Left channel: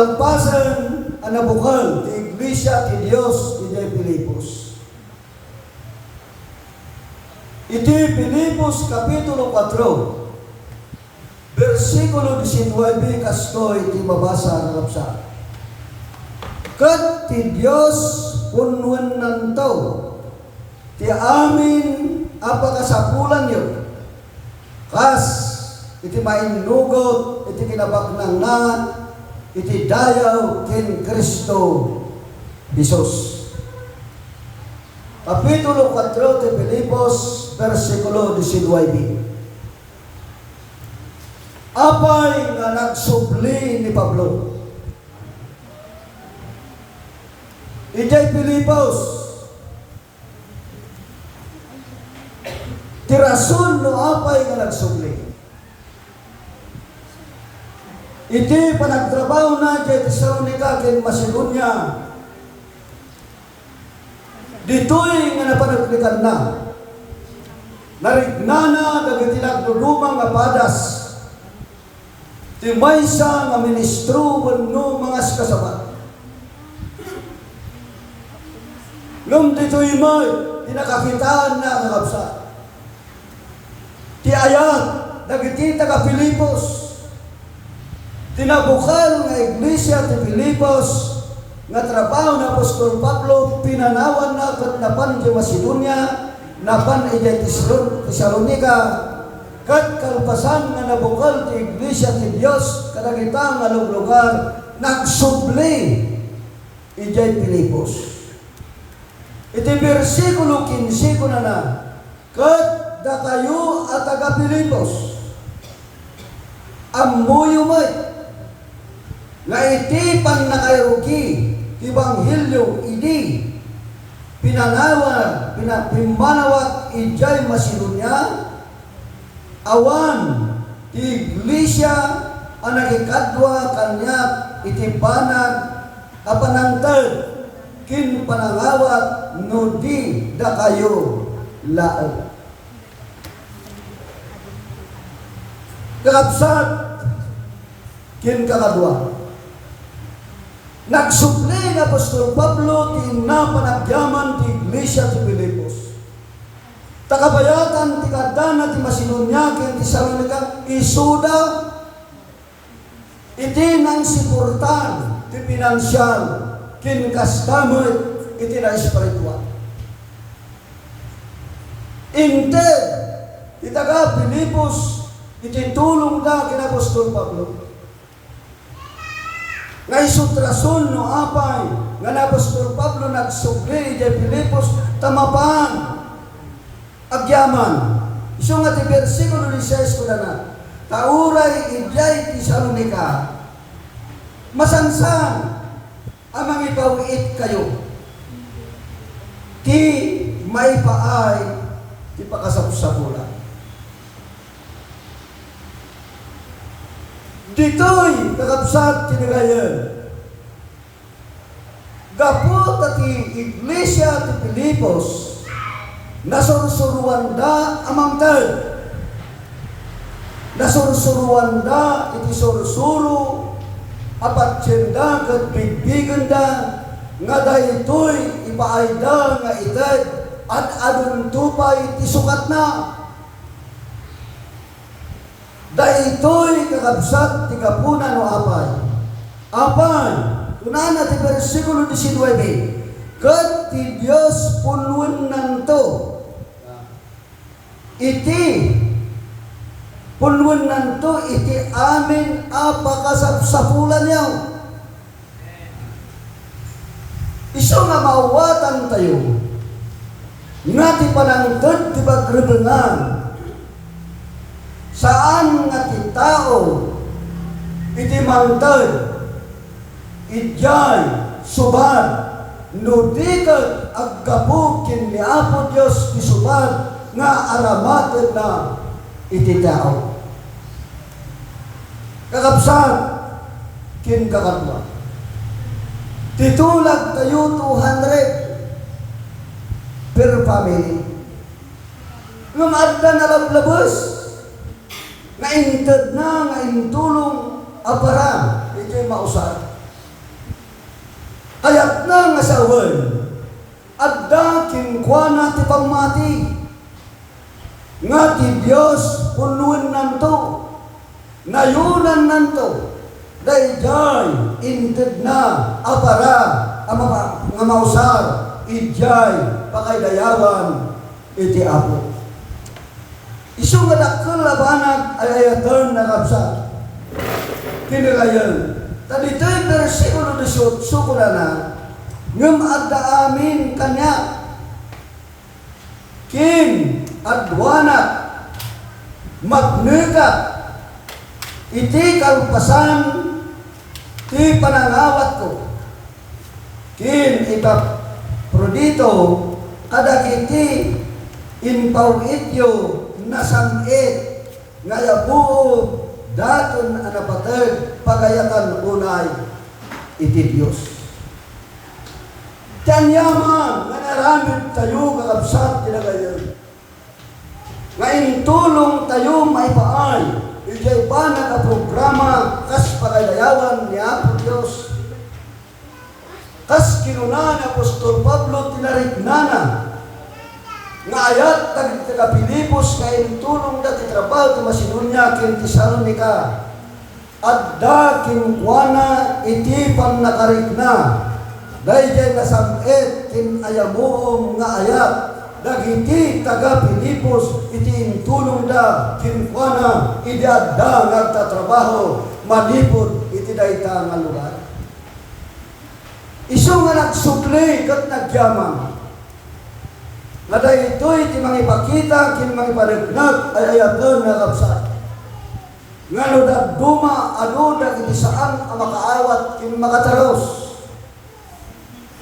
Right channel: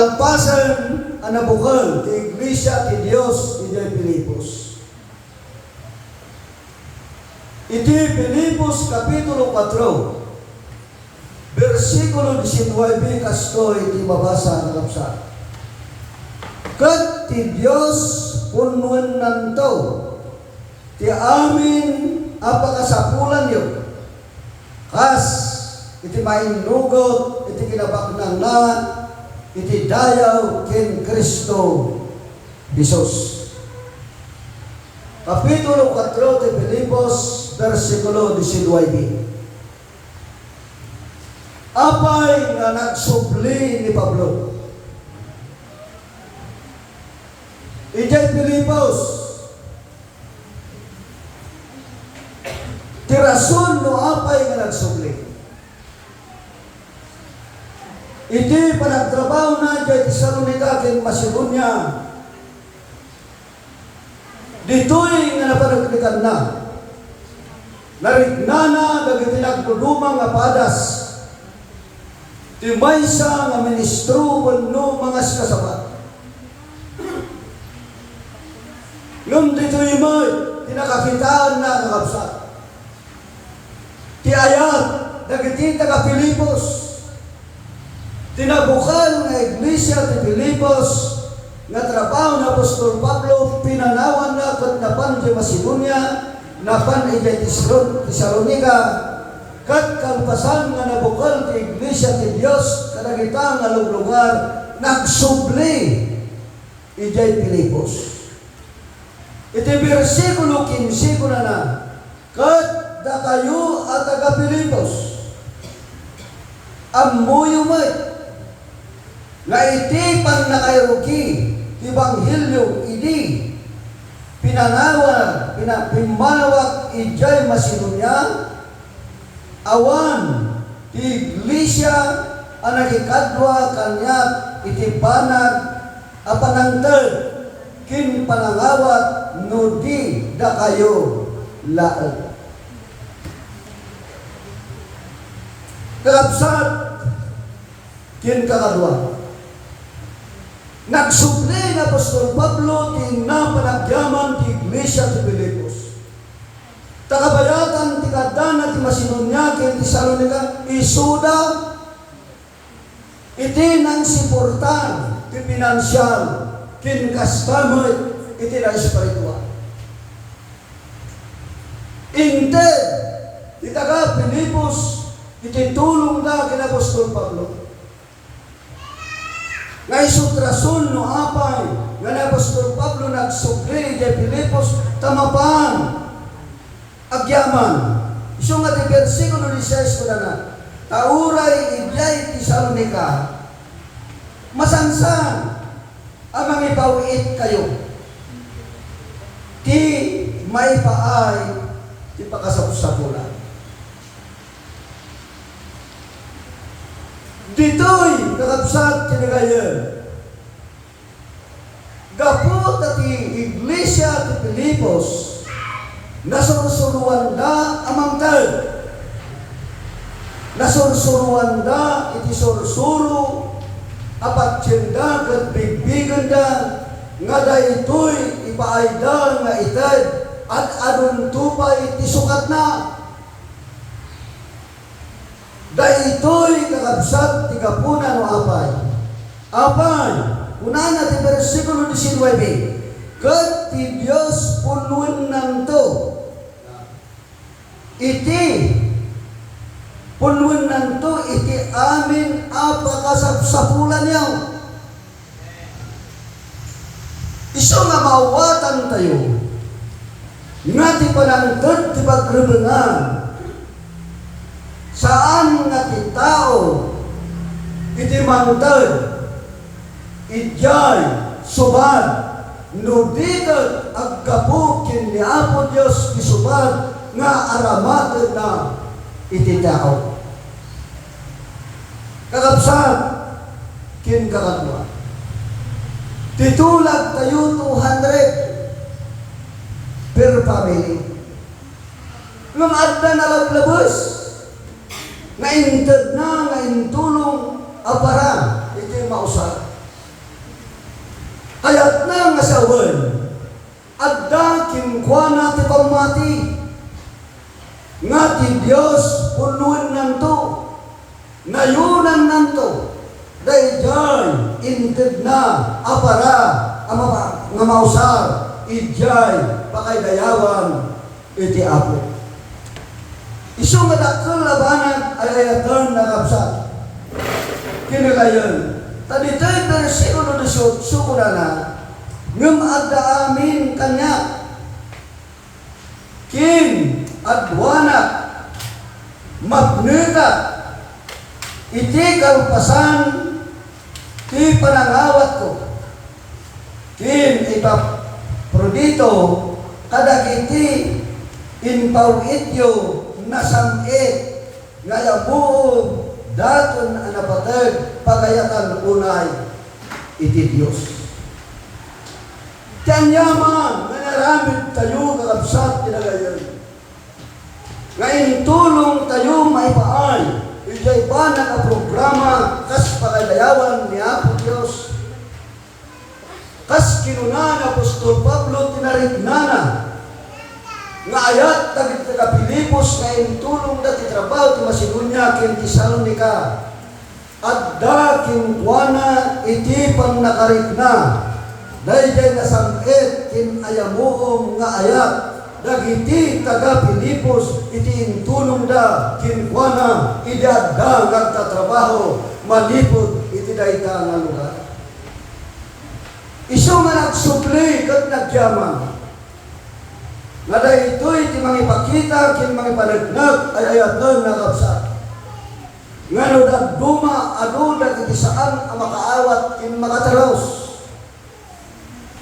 Ang pasan ang nabukal ti Iglesia ti Dios iti Filipos. Iti Filipos Kapitulo 4, versikulo 19 kasto iti mabasa ng kapsa. Kat ti Dios punwen nantaw ti amin apakasapulan yo. Kas iti mainugot iti kinabaknang na iti dayaw ken Kristo Jesus. Kapitulo 4 ti Filipos, versikulo 19. Apay nga nagsubli ni Pablo. Ijay Filipos, ti rason no apay nga nagsubli. Iti panagtrabaho na kay Tesalonica ken Macedonia. Ditoy nga napanagnikan na. Narignana dagiti nagdudumang nga padas. Ti maysa nga ministro wenno mga kasabat. Ngem ditoy may tinakakitaan na kakabsat. Ti ayat dagiti taga Filipos. Tinabukal nga Iglesia ti Filipos nga trabaho na Apostol Pablo pinanawan na kat napan ti Macedonia napan iti Tesalonica kat kalpasan nga nabukal ti Iglesia ti Dios kadagita nga lugar nagsubli iti Filipos. Iti versikulo 15 ko na kat da kayo at taga Filipos amuyo may nga iti pan nakairuki Ibanghilyo idi pimanawat ijay Macedonia awan ti Iglesia ang nagikadwa kanyat iti panag apanangtad kin panangawat no di da kayo laag. Kakabsat kin kakadwa nagsupli na Apostol Pablo ti napanagyaman ti Iglesia ti Filipos. Takabayatan ti kadana ti Macedonia ken ti Tesalonica isuda iti nang siportan ti pinansyal ken kastamay iti na espiritual. Inte ti taga Filipos iti tulong da ken Apostol Pablo. Nga isutrason no apay nga na Apostol Pablo nagsubli di Filipos tamapan agyaman. Iso nga ti versikulo 16 ko na tauray idyay Tesalonica masansan amang ipawit kayo ti maipaay ti pakasapusapulan. Ditoy kakabsat kinagayan. Gapot ati Iglesia ti Filipos nasursuruan da amangtad. Nasursuruan da iti sursuro apat tiyenda kat bigbigan da nga daytoy ipaayda nga itad at adun tupay iti sukat na. Daytoy kakabsat ti kapuna no apay. Apay, unana ti versikulo 19. Kat ti Dios punwen nanto. Iti punwen nanto iti amin apakasapsapulan yaw. Iso nga mawatan tayo. Nga ti panangtod ti pagrebengan. Saan nga ti tao iti mantad ijay subad no dikat aggapo ken ni Apo Dios ti subad nga aramatid na iti tao. Kakabsat ken kakadwa titulag tayo 200 per family. Nung adda na lablabos nga intad na nga intulong apara iti mausad. nga sawen, adda kinkwana ti pamati, nga ti Diyos punuan nanto, nayunan nanto, dayjay inted na apara nga mausar, ijay pakaydayawan iti Apo. Isu nga dakkel labanag ay ayatan na kapsat. Kinagayon, tadito'y versikulo 18 sukurana, ngem adda amin kanya, kin adwana magnegat iti kalpasan ti panangawat ko, kin ipa prodito kadagiti impawidyo nasamit ngayabuo daton anapatag pagayatan unay iti Diyos. Tiyang yaman nga naramid tayo kakabsat tinagayon. Ngayon tulong tayo maipaay, ijay pa nakaprograma kas pagadayawan ni Apo Diyos. Kas kinunan Apostol Pablo tinarignana, nga ayat tagit ka Pilipos ngayon tulong dati trabaho ti Macedonia ken Tesalonica, adda kinkwana iti pan nakarigna, dayjay nasamit kin ayamuom nga ayat, dagiti taga Pilipos iti intulong da kinkwana iti adda nagtatrabaho malipod iti dayta nga lugar. Isu nga nagsupli kat nagyaman, nga daytoy ti mangipakita kin mangipanegnag ay ayatan na kapsat. Nga no dagduma anu dagiti saan ang makaawat kin makataros.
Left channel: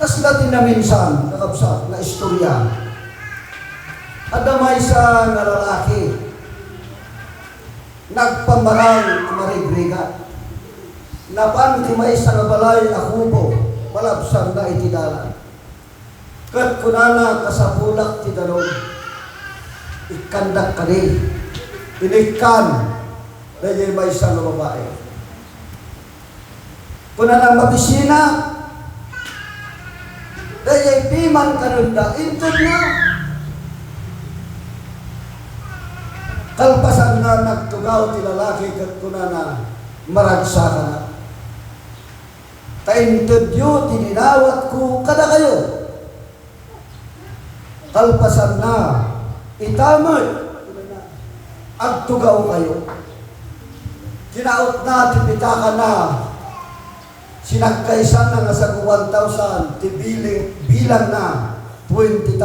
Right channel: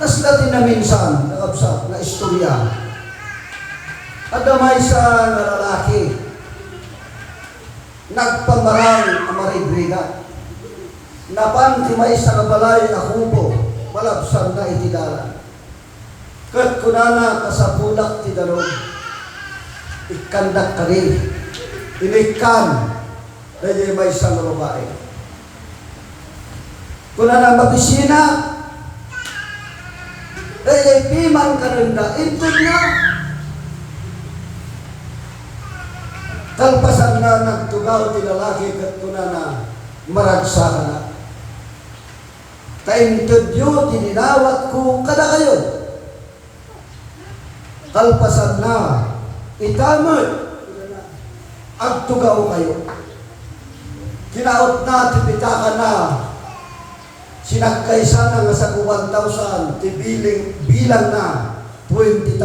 Kas dati na minsan nakapsat na istorya. Adamay sa nga lalaki nagpamarang ang marigriga. Napan ti may sa kabalay akubo malabsan na itidaran. Kat kunana kasapulak ti daron, ikandak ka rin, inikan, dahil may isang babae. Kunana mabisina, dahil piman ka rin da, intod na. Kalpasan na nagtugaw ti lalaki, kat kunana maragsa ka na. Kaintod yun, tininawat ko, kada kayo. Kalpasan na, itamad, agtugaw kayo. Kinaot na, tipitakan na, sinagkaisan na nga sa 1,000, bilang na 20,000,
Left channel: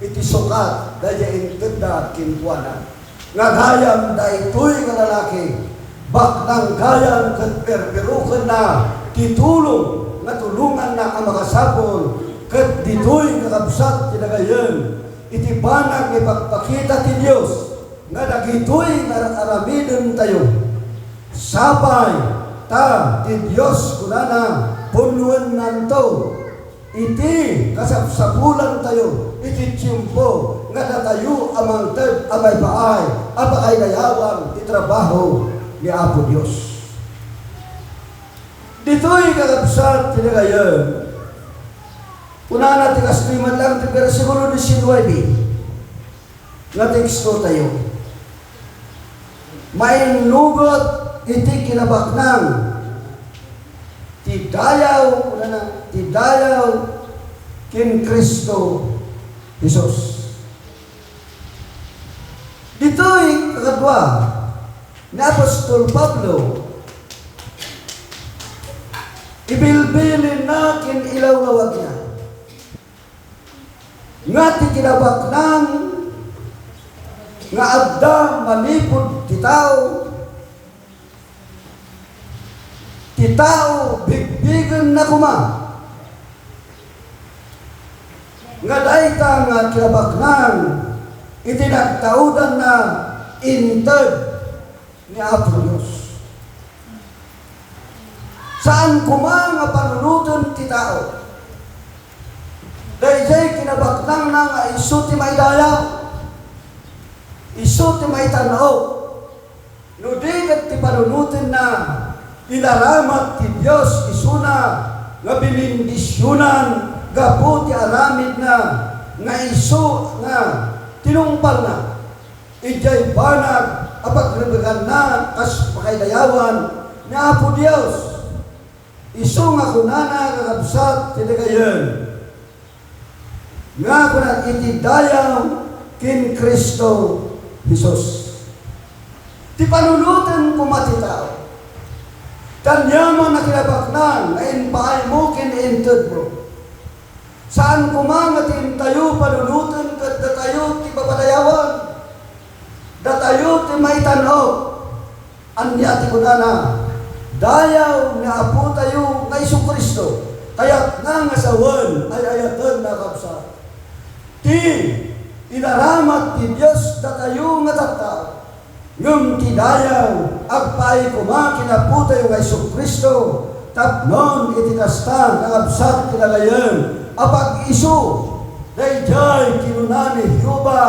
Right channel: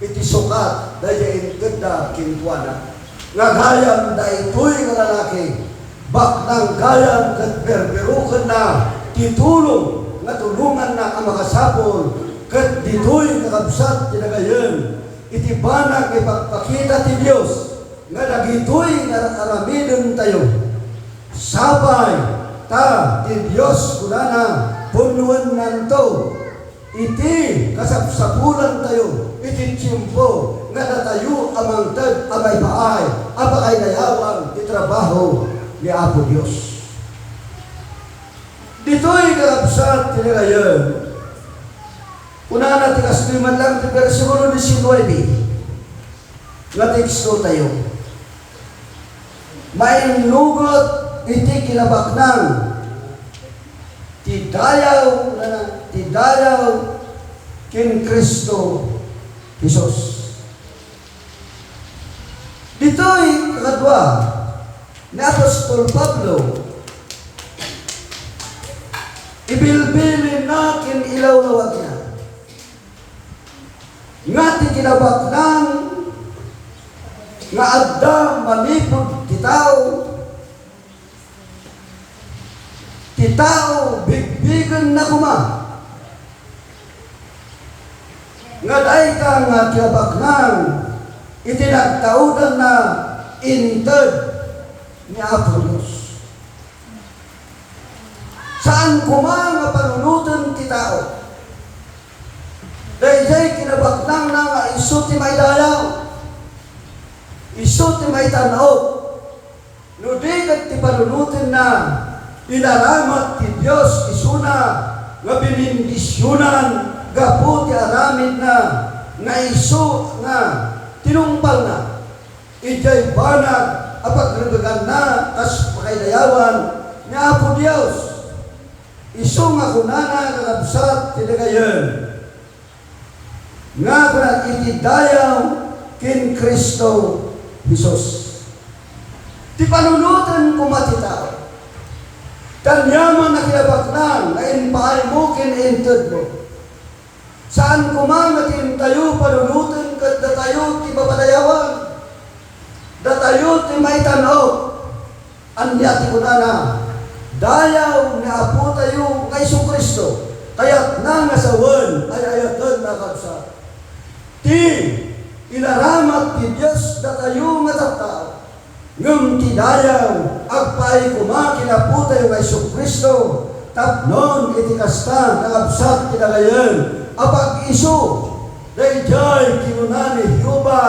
iti sukat, dahil intunda kinkuana. Nga gayam da ito'y nga lalaki, baknang gayam kat berberukan na, titulong, nga tulungan na ang makasapol, kat dito'y kakabsat tinagayon, iti banag ipagpakita ti Diyos, nga dagito'y aramidon tayo. Sabay, ta, ti Diyos kunana, punuan nanto, iti kasapsapulan tayo, iti tiyempo, nga natayo amang tad, amay baay, apakay nayawan, itrabaho ni Apo Diyos. Dito'y kakabsat tinagayon, una na tigas liman lang ti versikulo 19. Nga teksto tayo. May nugot iti kinabaknang ti dayaw kin Kristo Jesus. Dito'y kakadwa ni Apostol Pablo, ibilbilin natin ilaw-lawag niya. Nga ti kinabaknang nga adda malipod ti tao bigbigan na kuma, nga dayta nga kinabaknang itinagtaudan na intad ni Apo Diyos. Saan kuma nga panunutan ti tao? Dayjay kinabaknang na nga isu ti may dayaw, isu ti may tanaw, no di kat ti panunutin na inaramat ti Diyos isuna nga binindisyonan gapu ti aramid na nga iso nga tinungpal na ijay banag apat rebegan na kas pakailayawan nga Apo Dios iso nga kunana kakabsat tinagayon nga kunat itidayaw kin Kristo Jesus ti panulutan kumatitaw kanyaman na kinabaknan na inpahay mo kinintod mo. Saan kumamatin tayo panulutan kat datayo ti babalayawan. Datayo ti may tanaw. Anya ti kunana. Dayaw nga Apo tayo nga Isu Kristo. Kayat na nga sawan ay ayatan na kapsa. Ti inaramat ti Diyos datayo nga tattao. Ngum ti dayaw agpay kumakin Apo tayo nga Isu Kristo tapnon iti kasta nakabsat kinagayon apag isu dayjay kinunani Hiuba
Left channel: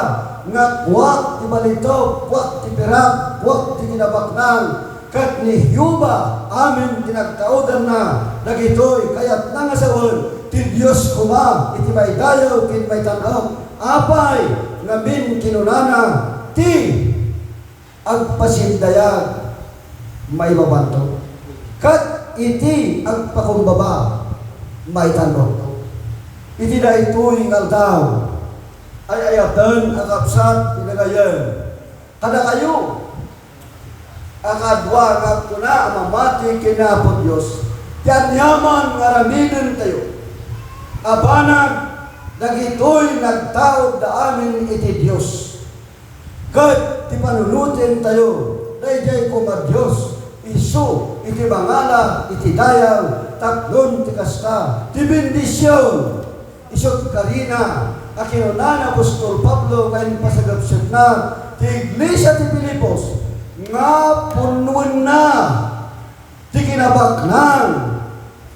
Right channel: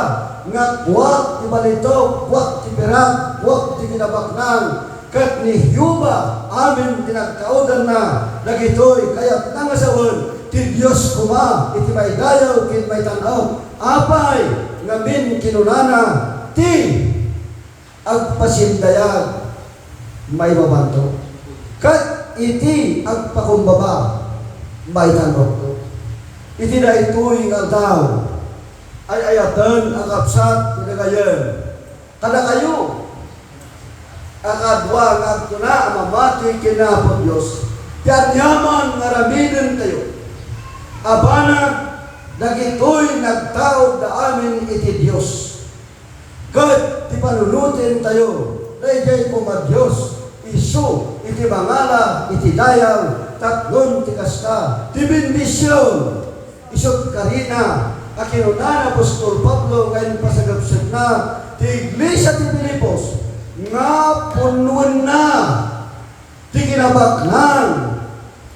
nga kuwat ti balito kuwat ti perak kuwat ti kinabaknang kat ni Hiuba amin tinagkaudan na dagitoy kayat nangasawan ti Dios kuma iti may dayaw kin may tanaw apay ngamin kinunana ti agpasindayag may mabanto kat iti agpakumbaba may tanong iti na ito'y ngaldaw ay ayatan ang kapsat pinagayon kada kayo akadwa nga na mamati kinapon Diyos tiat yaman ngaramidin tayo abanag dagito'y nagtaod da amin iti Diyos kat ti panulutin tayo dayjay kuma Diyos isu iti mangala iti dayaw taklon ti kasta ti bendisyon isut karina akinunana Apostol Pablo ngayon pasagabsat na ti Iglesia ti Pilipos nga punuan na ti kinabaknan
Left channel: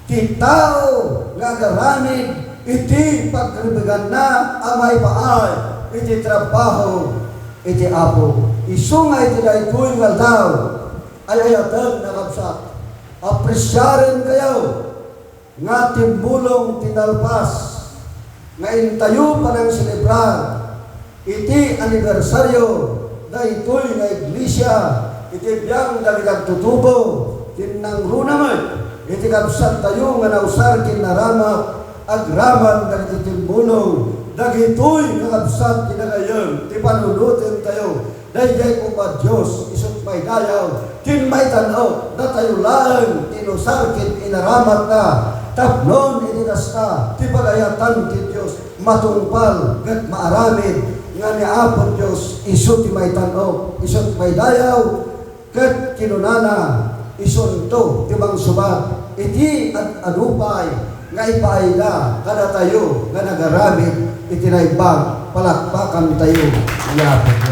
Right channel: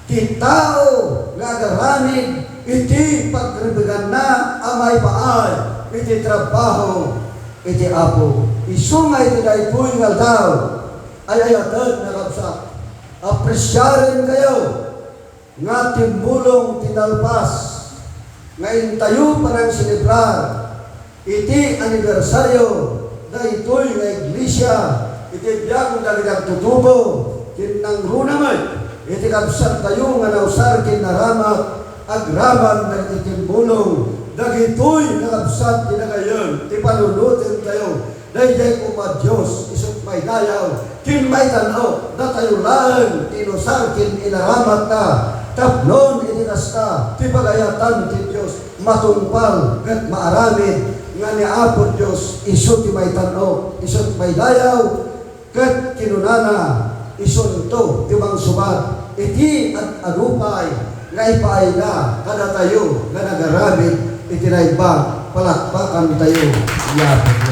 ti tao nga agaramid iti pagribigan na amay paay iti trabaho iti Apo isu nga iti daytoy ngaldaw ay ayatan na kapsat apresyarin kayo nga timbulong tinalpas ngayon tayo pa ng selebrar iti anibersaryo na ito'y nga iglesia iti biyang dagdag tutubo tinang runaman iti kapsat tayo nga nausar kinaramak agraman na itimbulong dagito'y nga kapsat tinagayon ti panulutin tayo dayjay kuma Diyos isut may dayaw kin may tanaw na tayo lang inusar kin inaramat na tapnon inikasta ti pagayatan ti Diyos matungpal kat maaramid nga ni Apo Diyos isu ti may tanaw isut may dayaw kat kinunana isun to ti mangsubat iti at anupay nga ipaay na kada tayo nga nagaramid iti naibang palakpakan tayo ni Apo Diyos.